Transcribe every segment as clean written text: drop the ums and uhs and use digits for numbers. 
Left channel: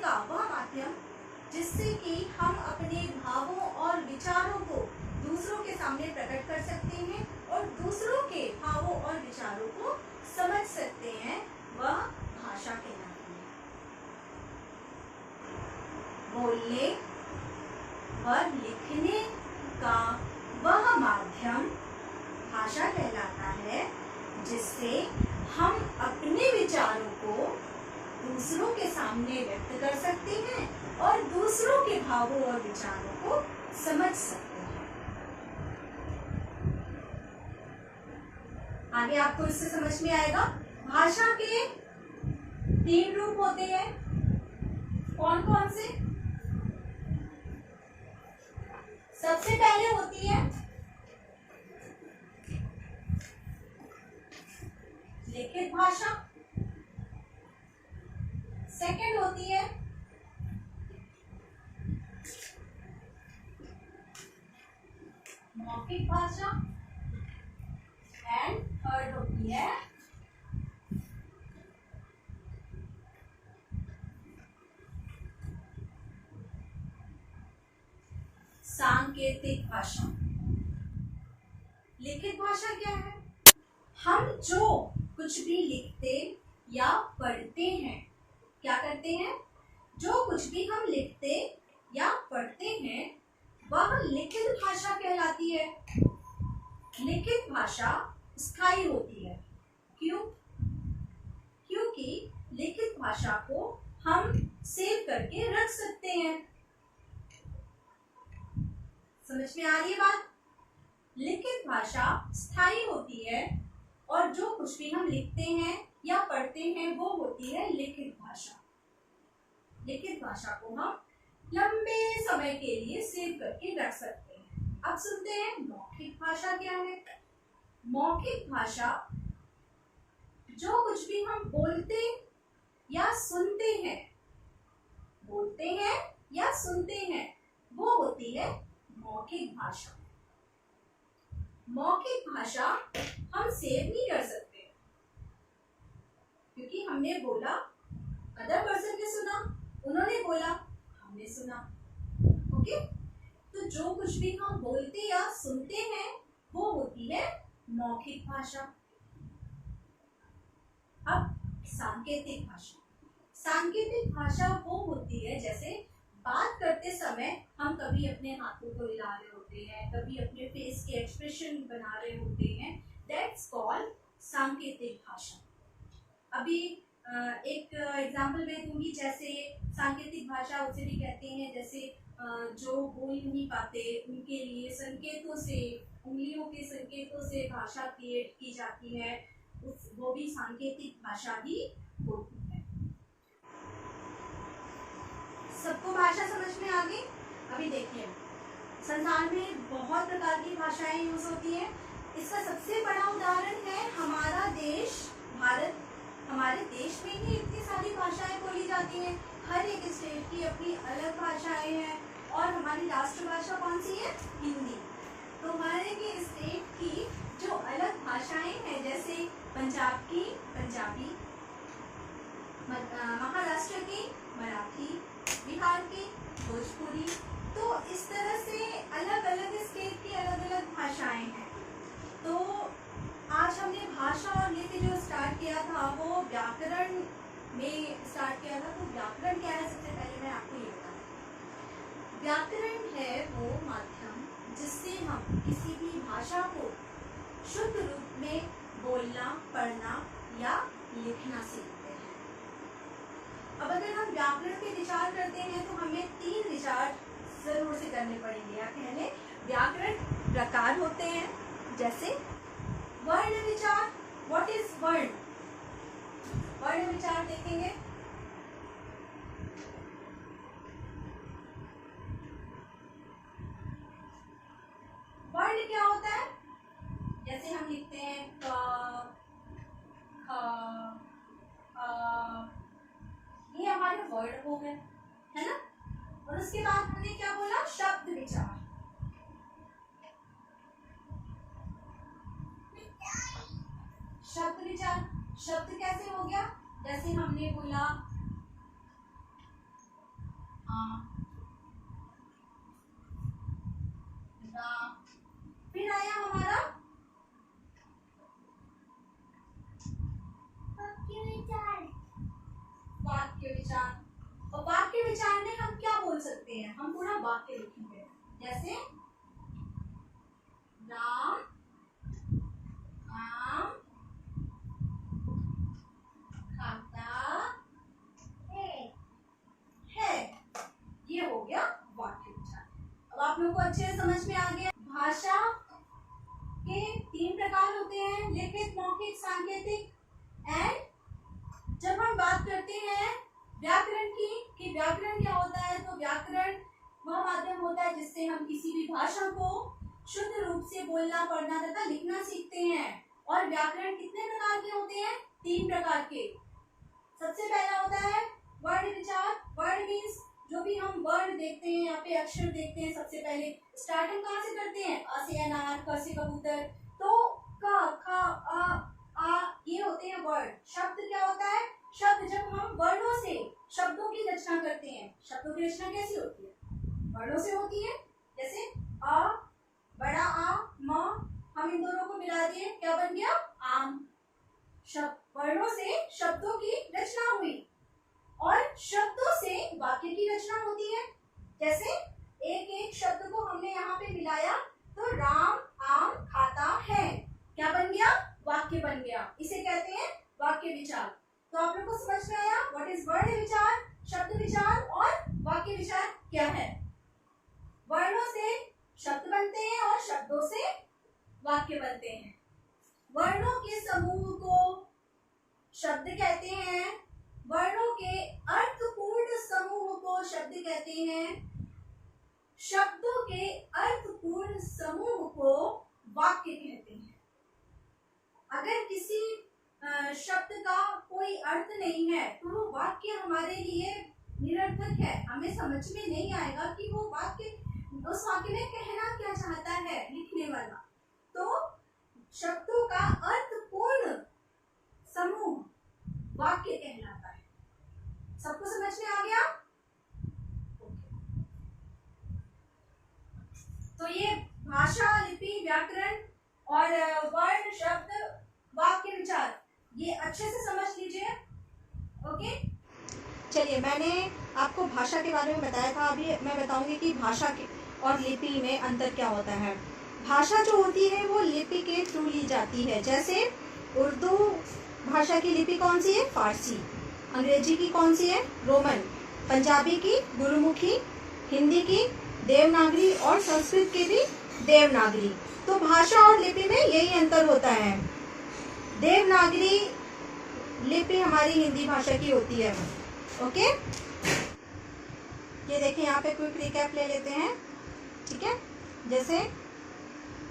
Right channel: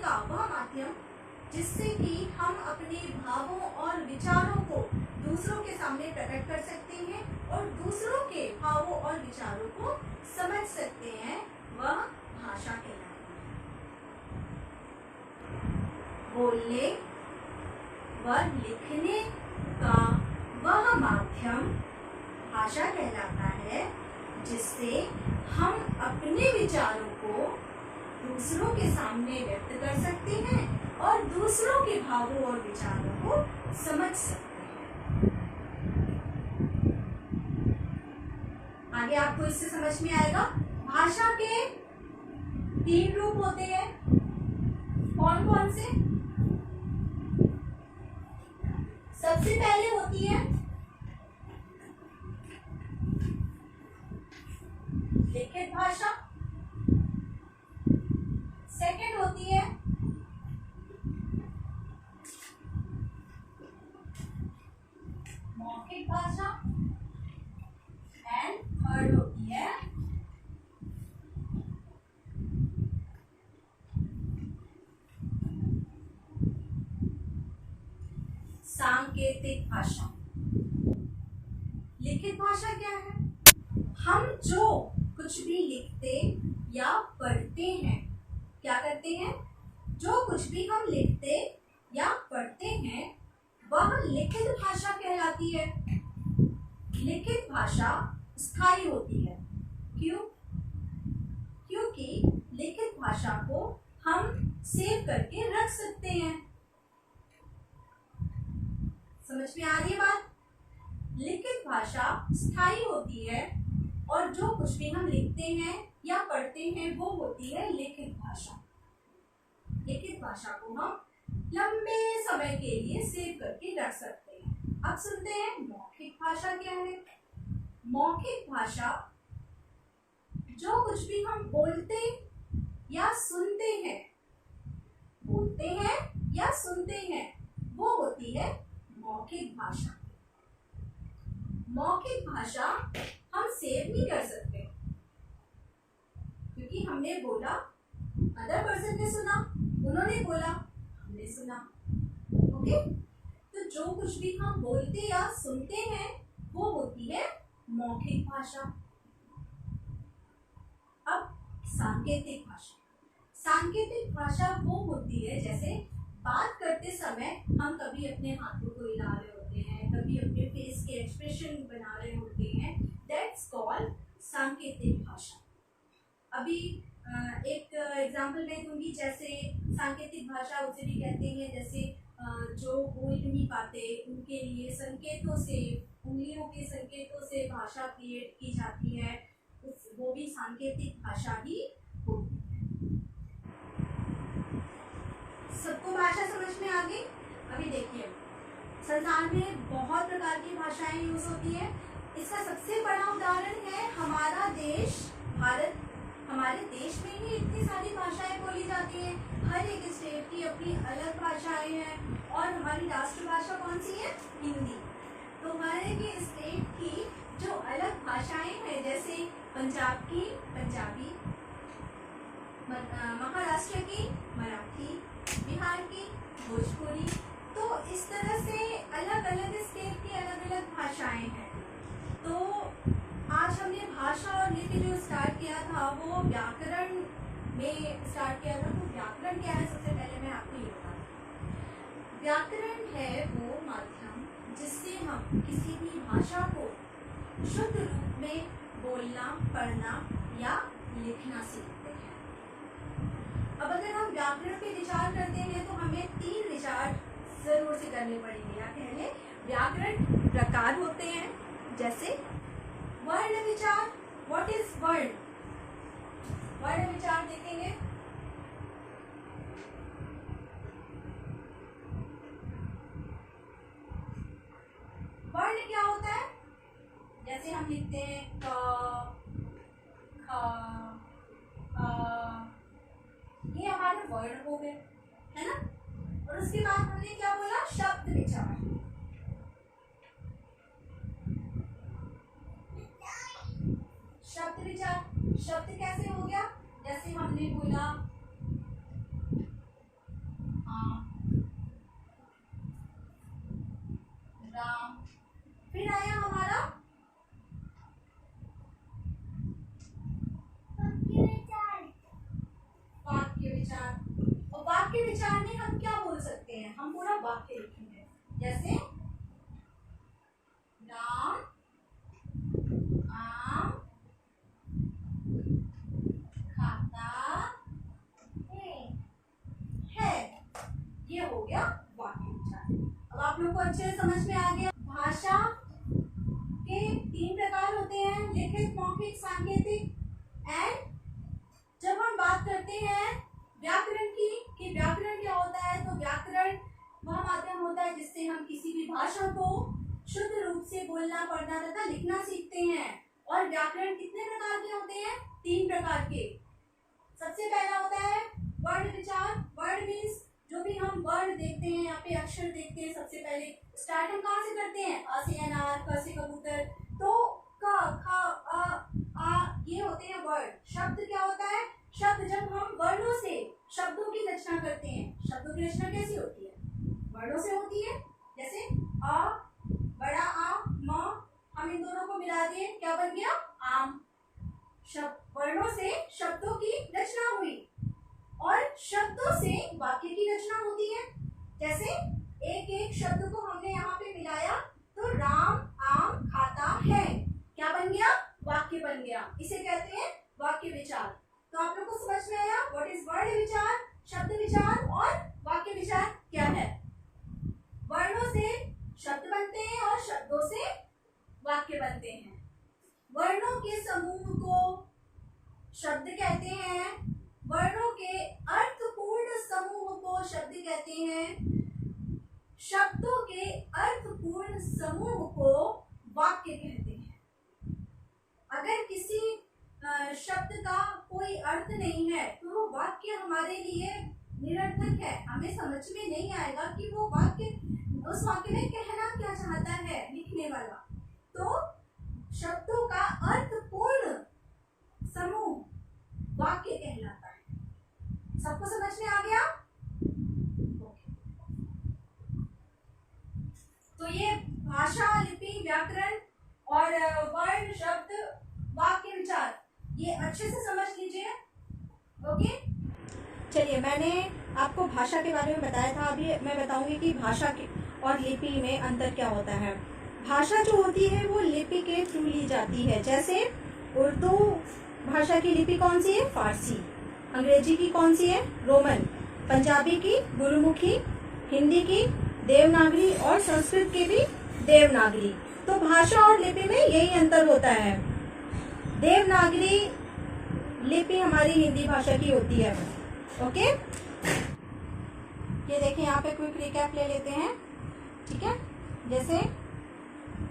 का वह माध्यम जिससे कि हम अपने भावों और विचारों को दूसरों के सामने प्रकट कर सकते हैं और दूसरों के भावों और विचारों को समझ सकते हैं, वह भाषा कहलाती है। बोलने व लिखने का वह माध्यम भाषा कहलाता है जिससे हम अपने विचारों को दूसरों के सामने व्यक्त कर सकते हैं और दूसरों के भावों और विचारों को समझ सकते हैं। आगे आपको इससे समझ में आएगा। भाषा के 3 रूप होते हैं। कौन कौन से? सबसे पहले होती है लिखित भाषा, सेकंड होती है मौखिक भाषा एंड थर्ड होती है सांकेतिक भाषा। लिखित भाषा क्या है? हम जो कुछ भी लिखते या पढ़ते हैं, क्या करते हैं? जो कुछ भी हम लिखते या पढ़ते हैं वह लिखित भाषा कहलाती है। लिखित भाषा स्थायी होती है। क्यों? क्योंकि लिखित भाषा को हम सेव करके रख सकते हैं। समझ में आ रही है बात? लिखित भाषा स्थायी होती है और जो कुछ भी हम लिखते हैं या पढ़ते हैं वो होती है लिखित भाषा। लिखित भाषा को हम लंबे समय के लिए सेव करके रख सकते हैं। अब सुनते हैं मौखिक भाषा क्या है। मौखिक भाषा जो कुछ भी हम बोलते या सुनते हैं, बोलते हैं या सुनते हैं, वो होती है मौखिक भाषा। मौखिक भाषा हम सेव नहीं कर सकते क्योंकि हमने बोला, अदर पर्सन ने सुना, उन्होंने बोला, हमने सुना। ओके, तो जो कुछ भी हम बोलते या सुनते हैं वो होती है मौखिक भाषा। अब सांकेतिक भाषा। सांकेतिक भाषा वो होती है जैसे बात करते समय हम कभी अपने हाथों को हिला रहे होते हैं, कभी अपने फेस के एक्सप्रेशन बना रहे होते हैं, दैट्स कॉल्ड सांकेतिक भाषा। अभी एक एग्जाम्पल मैं दूंगी। जैसे सांकेतिक भाषा उसे भी कहते हैं जैसे जो बोल नहीं पाते उनके लिए संकेतों से, उंगलियों के संकेतों से भाषा क्रिएट की जाती है, वो भी सांकेतिक भाषा ही होती है। सबको भाषा समझ में आ गई? अभी देखिए, संसार में बहुत प्रकार की भाषाएं यूज होती है। इसका सबसे बड़ा उदाहरण है हमारा देश भारत। हमारे देश में ही इतनी सारी भाषाएं बोली जाती हैं। हर एक स्टेट की अपनी अलग भाषाएं हैं और हमारी राष्ट्रभाषा कौन सी है? हिंदी। तो हर एक स्टेट की जो अलग भाषाएं हैं, जैसे पंजाब की पंजाबी, महाराष्ट्र की मराठी, बिहार की भोजपुरी, तो इस तरह से अलग अलग स्टेट की अलग अलग भाषाएं हैं। तो आज हमने भाषा और लिपि जो स्टार्ट किया था वो व्याकरण में स्टार्ट किया था। तो व्याकरण क्या है? सबसे पहले मैं आपको ये बता दूं। व्याकरण है वो माध्यम जिससे हम किसी भी भाषा को शुद्ध रूप में बोलना, पढ़ना या लिखना सीखते हैं। अब अगर हम व्याकरण पे विचार करते हैं तो हमें 3 विचार जरूर से करने पड़ेंगे। या कह लें व्याकरण प्रकार होते हैं, जैसे वर्ण विचार। व्हाट इज वर्ण? वर्ण विचार देखेंगे। वर्ण क्या होता है? जैसे हम लिखते हैं क, ख, अ, ये हमारे वर्ड हो गए, है ना। और उसके बाद हमने क्या बोला? शब्द विचार। शब्द विचार, शब्द कैसे हो गया? जैसे हमने बोला और वाक्य विचार में हम क्या बोल सकते हैं, हम पूरा वाक्य लिखेंगे, जैसे राम आम खाता है, ये हो गया वाक्य विचार। अब आप लोग को अच्छे से समझ में आ गया। भाषा के 3 प्रकार होते हैं, लिखित, मौखिक, सांकेतिक। एंड जब हम बात करते हैं व्याकरण की कि व्याकरण क्या होता है, तो व्याकरण वह माध्यम होता है जिससे हम किसी भी भाषा को शुद्ध रूप से बोलना, पढ़ना तथा लिखना सीखते हैं। और व्याकरण कितने प्रकार के होते हैं, 3 प्रकार के। सबसे पहला होता है वर्ण विचार। वर्ण मीन्स जो भी हम वर्ड देखते हैं, यहाँ पे अक्षर देखते हैं, सबसे पहले स्टार्ट हम कहाँ से करते हैं, अ से अनार, क से कबूतर, तो क, ख, आ ये होते हैं वर्ड। शब्द क्या होता है, शब्द जब हम वर्णों से शब्दों की रचना करते हैं। शब्दों की रचना कैसी होती है, वर्णों से होती है। जैसे अ, बड़ा आ, म, हम इन दोनों को मिला दिए, क्या बन गया, आम। शब्द वर्णों से शब्दों की रचना हुई, और शब्दों से वाक्य की रचना होती है। जैसे एक एक शब्द को हमने यहाँ पे मिलाया, तो राम आम खाता है, क्या बन गया, वाक्य बन गया। इसे कहते हैं वाक्य विचार। तो आप लोग को समझ में आया व्हाट इज वर्ण विचार, शब्द विचार और वाक्य विचार क्या है। वर्णों से शब्द बनते हैं और शब्दों से वाक्य बनते हैं। वर्णों के समूह को शब्द कहते हैं, वर्णों के अर्थपूर्ण समूह को शब्द कहते हैं, शब्दों के अर्थपूर्ण समूह को वाक्य कहते हैं। अगर किसी शब्द का कोई अर्थ नहीं है तो वो वाक्य हमारे लिए निरर्थक है, हमें समझ में नहीं आएगा कि वो वाक्य, उस वाक्य में कहना क्या चाहता है लिखने वाला। तो शब्दों का अर्थपूर्ण समूह वाक्य कहलाता है। सबको समझ में आ गया? तो ये भाषा, लिपि, व्याकरण और वर्ण, शब्द, वाक्य विचार, ये अच्छे से समझ लीजिए। ओके, चलिए मैंने आपको भाषा के बारे में बताया था, अभी मैं बताऊंगी कि भाषा के और लिपि में अंतर क्या होता है। भाषा जो होती है वो लिपि के थ्रू ली जाती है। जैसे उर्दू भाषा की लिपि कौन सी है, फारसी। अंग्रेजी की कौन सी है, रोमन। पंजाबी की गुरुमुखी, हिंदी की देवनागरी और संस्कृत की भी देवनागरी। तो भाषा और लिपि में यही अंतर होता है। देवनागरी लिपि हमारी हिंदी भाषा की होती है। ओके, ये देखिए यहाँ पे क्विक रिकैप ले लेते हैं, ठीक है। जैसे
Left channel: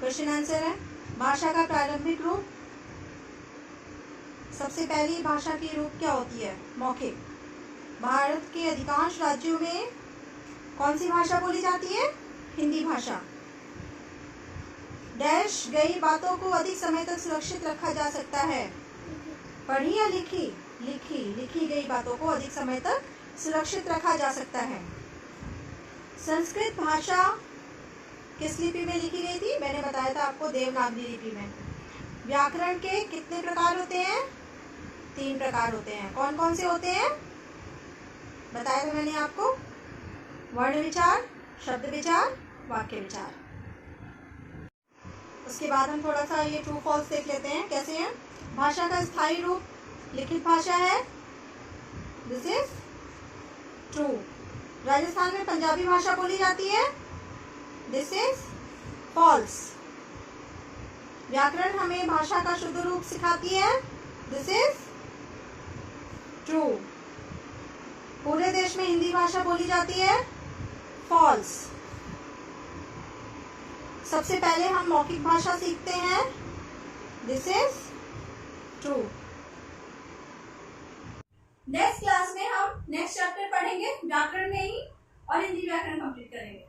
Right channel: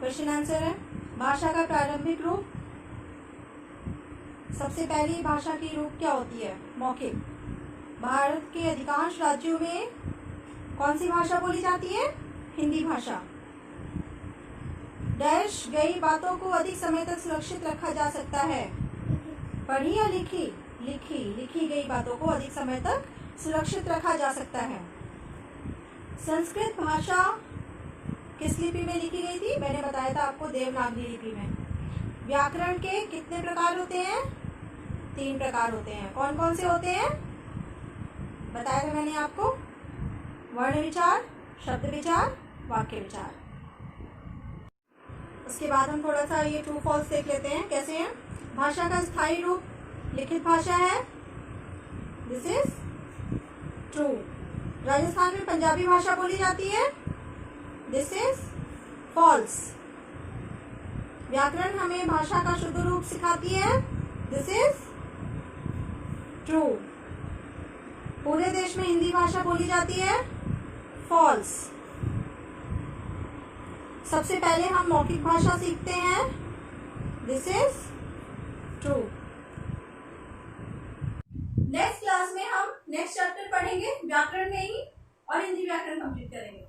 क्वेश्चन आंसर है, भाषा का प्रारंभिक रूप। सबसे पहली भाषा की रूप क्या होती है, मौखिक। भारत के अधिकांश राज्यों में कौन सी भाषा बोली जाती है, हिंदी भाषा। डैश गई बातों को अधिक समय तक सुरक्षित रखा जा सकता है। पढ़ी या लिखी, लिखी गई बातों को अधिक समय तक सुरक्षित रखा जा सकता है। संस्कृत भाषा किस लिपि में लिखी गई थी, मैंने बताया था आपको, देवनागरी लिपि में। व्याकरण के कितने प्रकार होते हैं, 3 प्रकार होते हैं। कौन कौन से होते हैं, बताया था मैंने आपको, वर्ण विचार, शब्द विचार, वाक्य विचार। उसके बाद हम थोड़ा सा ये ट्रू फॉल्स देख लेते हैं कैसे हैं। भाषा का स्थायी रूप लिखित भाषा है, दिस इज ट्रू। राजस्थान में पंजाबी भाषा बोली जाती है, दिस इज फॉल्स। व्याकरण हमें भाषा का शुद्ध रूप सिखाती है, दिस इज ट्रू। पूरे देश में हिंदी भाषा बोली जाती है, फॉल्स। सबसे पहले हम मौखिक भाषा सीखते हैं, this is true. Next class में हम नेक्स्ट चैप्टर पढ़ेंगे व्याकरण में ही, और हिंदी व्याकरण कंप्लीट करेंगे।